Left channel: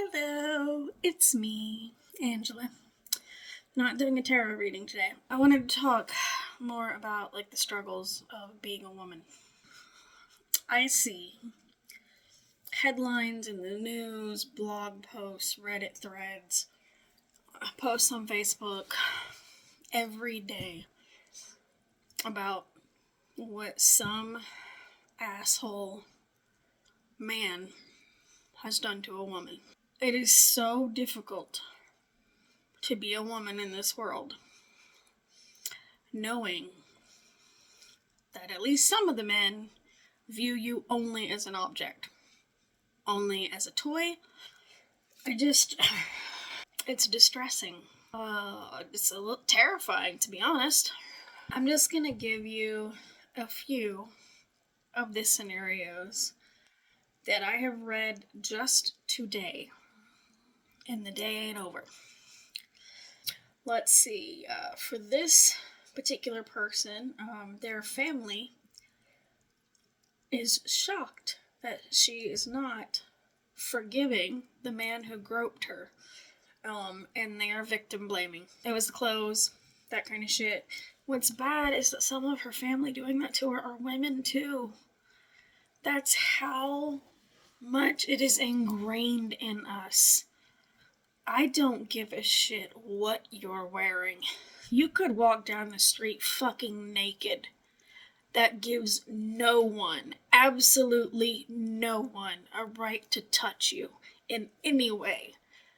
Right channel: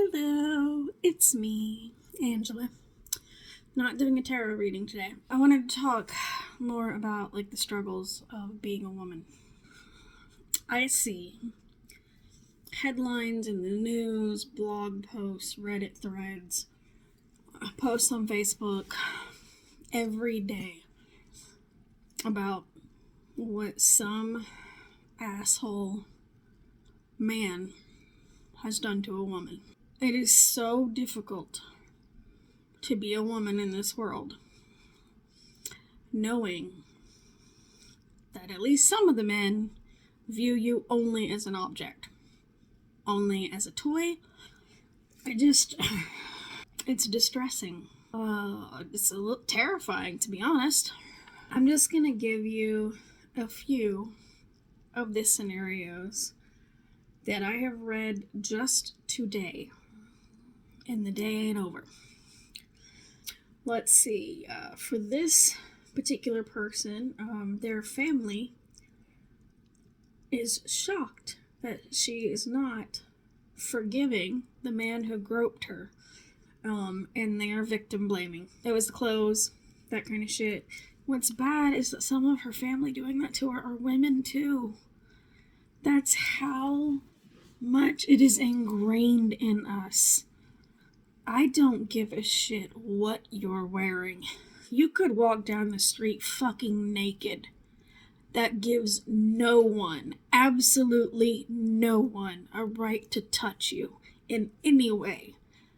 Hello, it's me, Angela. Not doing a tarot reading today. I wanted to talk more about the struggles of being a woman. I see headlines in the news, blog posts, Reddit threads, posts on Facebook every day about what some asshole man has done to a woman. It is so difficult to be a woman in this world, knowing that at least some of the men view you only as an object, only as a toy. It's distressing. It's a little terrifying, to be honest. I'm just gonna give you a few of the scenarios that I have read just today, and the day ain't over. Let's see, for this particular person, their family is shocked that she is not forgiving the man who groped her, and they are victim blaming. It was the clothes, that kind of shit. What's bad is that some of her family doing that to her are women too. That's how much it is ingrained in us. I don't give a shit what you're wearing. You could walk down the street fucking naked. That gives no one, absolutely no one, a right to touch you in any way.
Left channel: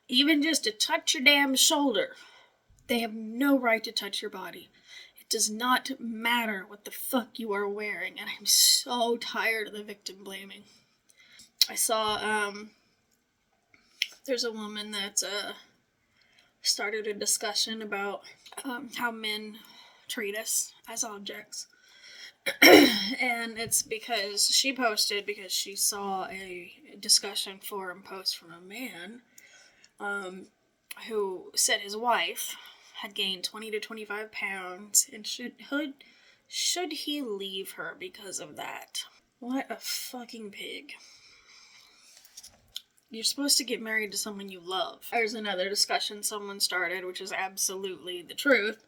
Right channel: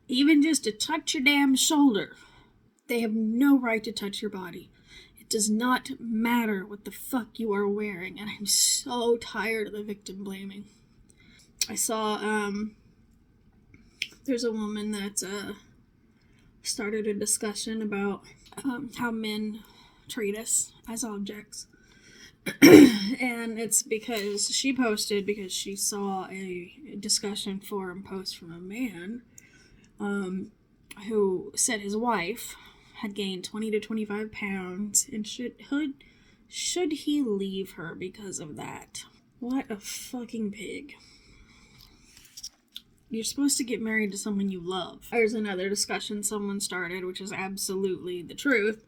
Even just to touch your damn shoulder. They have no right to touch your body. It does not matter what the fuck you are wearing, and I'm so tired of the victim blaming. I saw, there's a woman that started a discussion about how men treat us as objects. And it's because she posted, because she saw a discussion forum post from a man who said his wife had gained 20 to 25 pounds and should he leave her because of that. What a fucking pig. You're supposed to get married to someone you love. There's another discussion someone started, which is absolutely the truth,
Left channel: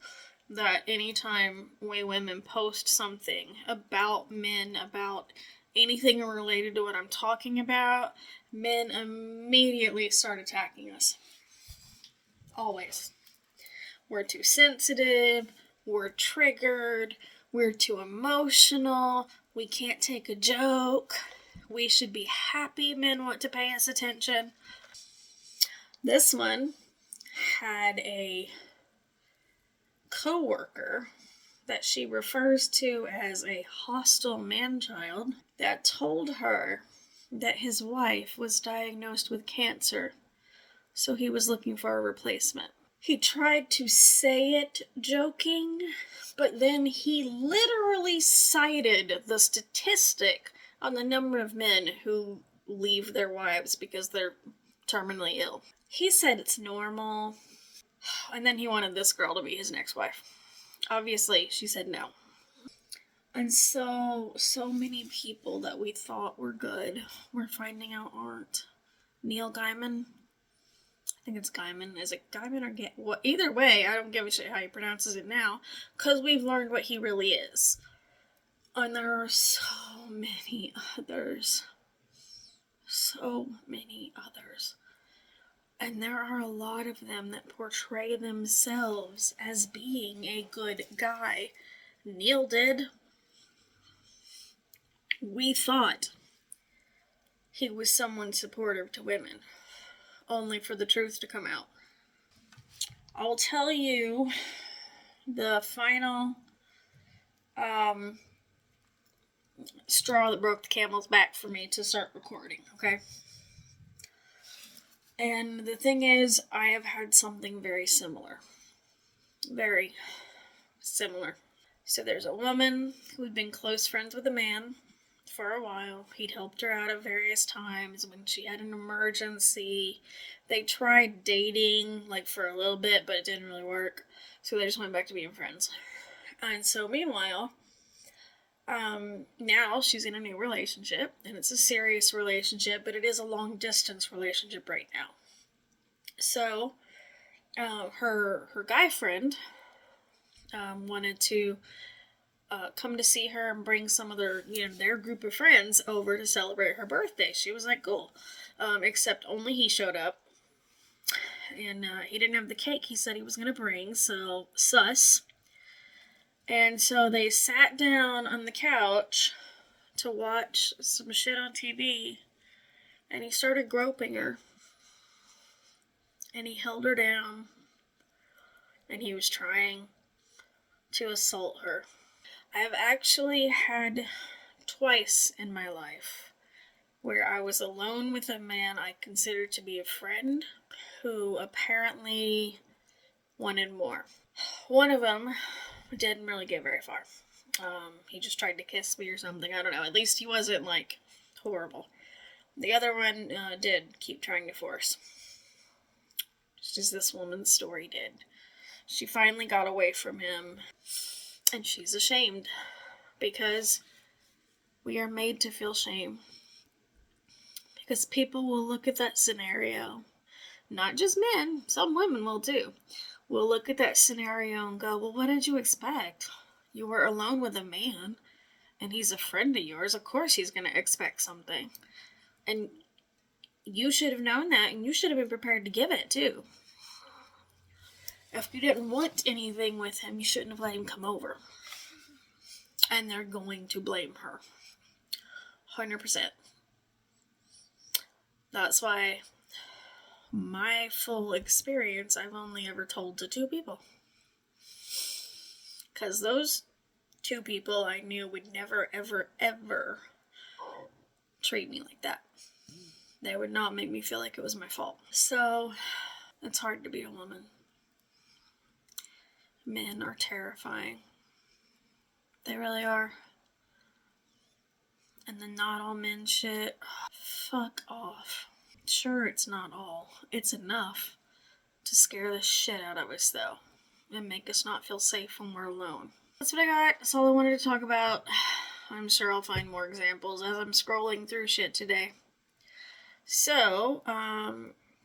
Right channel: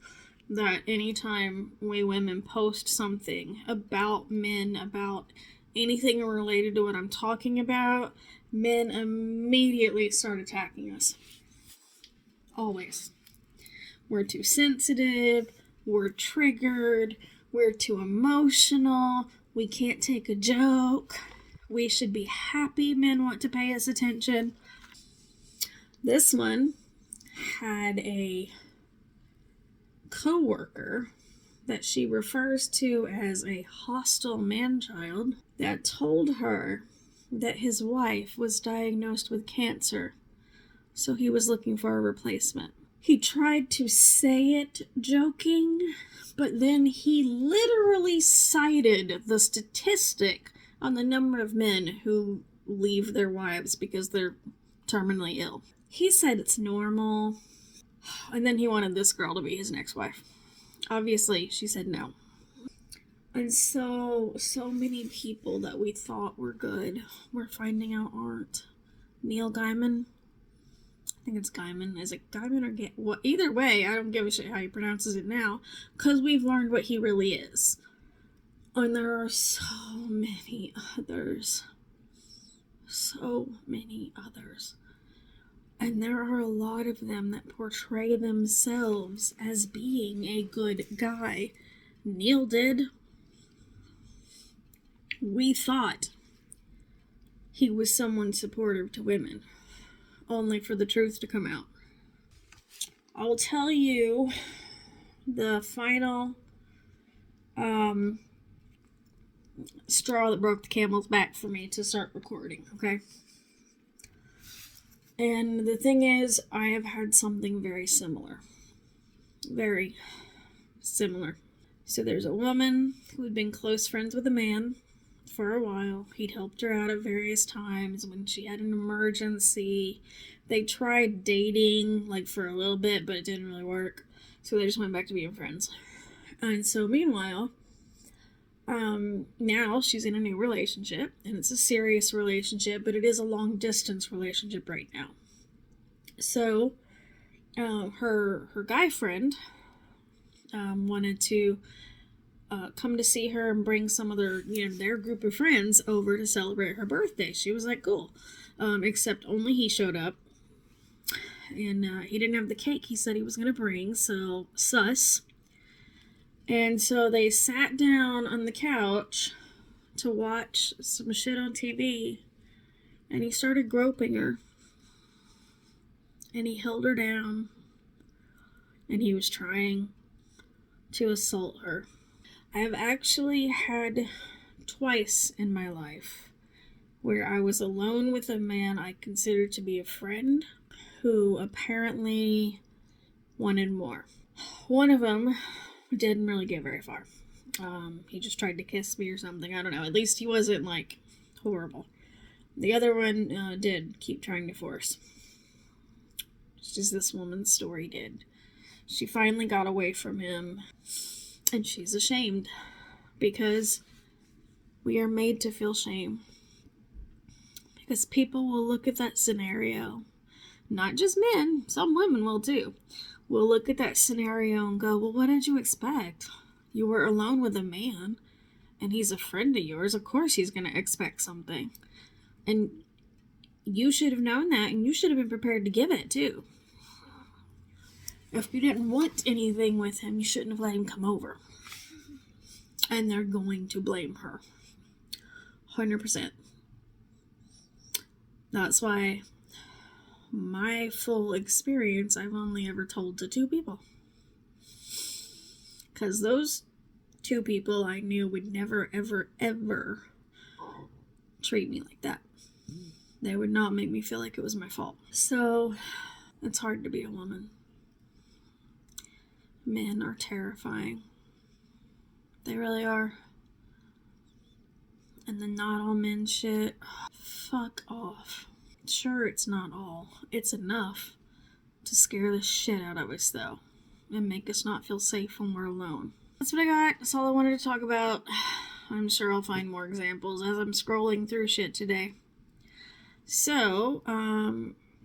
that anytime we women post something about men, about anything related to what I'm talking about, men immediately start attacking us. Always. We're too sensitive, we're triggered, we're too emotional, we can't take a joke. We should be happy men want to pay us attention. This one had a co-worker that she refers to as a hostile man-child that told her that his wife was diagnosed with cancer, so he was looking for a replacement. He tried to say it joking, but then he literally cited the statistic on the number of men who leave their wives because they're terminally ill. He said it's normal, and then he wanted this girl to be his next wife. Obviously, she said no. And so many people that we thought were good, we're finding out aren't. Neil Gaiman, I think it's Gaiman. Is it Gaiman or well, either way, I don't give a shit how he pronounces it now, because we've learned what he really is. And there are so many others. So many others. And there are a lot of them that portray themselves as being a good guy. Neil did. We thought he was someone supportive to women, only for the truth to come out. I'll tell you the final straw that broke the camel's back for me to start recording, okay? And the thing is, I have had something very similar. Very similar. So there's a woman who had been close friends with a man for a while. He'd helped her out at various times when she had an emergency. They tried dating, for a little bit, but it didn't really work. So they just went back to being friends. And so meanwhile, Now she's in a new relationship, and it's a serious relationship, but it is a long distance relationship right now. So, her guy friend wanted to come to see her and bring some of their group of friends over to celebrate her birthday. She was like, cool. Except only he showed up, and he didn't have the cake he said he was going to bring, so sus. And so they sat down on the couch to watch some shit on TV, and he started groping her, and he held her down, and he was trying to assault her. I have actually had twice in my life where I was alone with a man I considered to be a friend who apparently wanted more. One of them didn't really get very far. He just tried to kiss me or something. I don't know. At least he wasn't, like, horrible. The other one did keep trying to force. Just as this woman's story did. She finally got away from him, and she's ashamed because we are made to feel shame. Because people will look at that scenario, not just men, some women will too, will look at that scenario and go, well, what did you expect? You were alone with a man, and he's a friend of yours. Of course he's going to expect something. And you should have known that, and you should have been prepared to give it too. If you didn't want anything with him, you shouldn't have let him come over. And they're going to blame her. 100%. That's why my full experience I've only ever told to 2 people. Because those 2 people I knew would never, ever, ever treat me like that. They would not make me feel like it was my fault. So, it's hard to be a woman. Men are terrifying. They really are. And the not all men shit. Fuck off. Sure, it's not all. It's enough to scare the shit out of us, though. And make us not feel safe when we're alone. That's what I got. That's all I wanted to talk about. I'm sure I'll find more examples as I'm scrolling through shit today. So,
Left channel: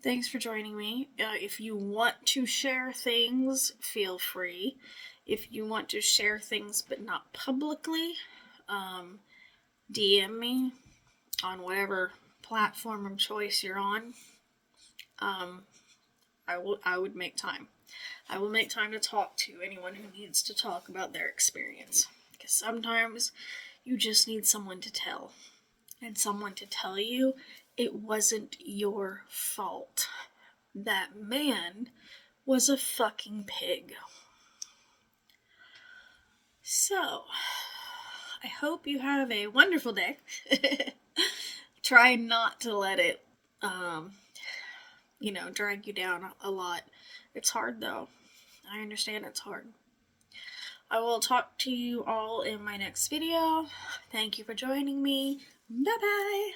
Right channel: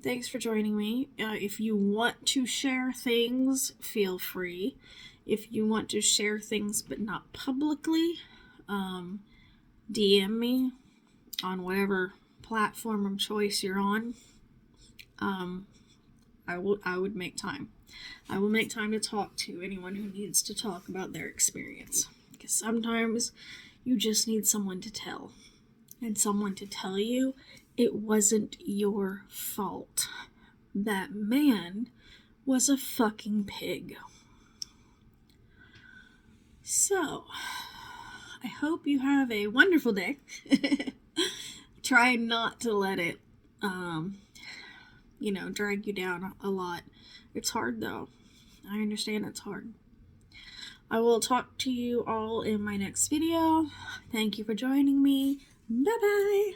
thanks for joining me. If you want to share things, feel free. If you want to share things but not publicly, DM me on whatever platform of choice you're on. I would make time. I will make time to talk to anyone who needs to talk about their experience. Because sometimes you just need someone to tell. And someone to tell you it wasn't your fault. That man was a fucking pig. So, I hope you have a wonderful day. Try not to let it, drag you down a lot. It's hard, though. I understand it's hard. I will talk to you all in my next video. Thank you for joining me. Bye-bye.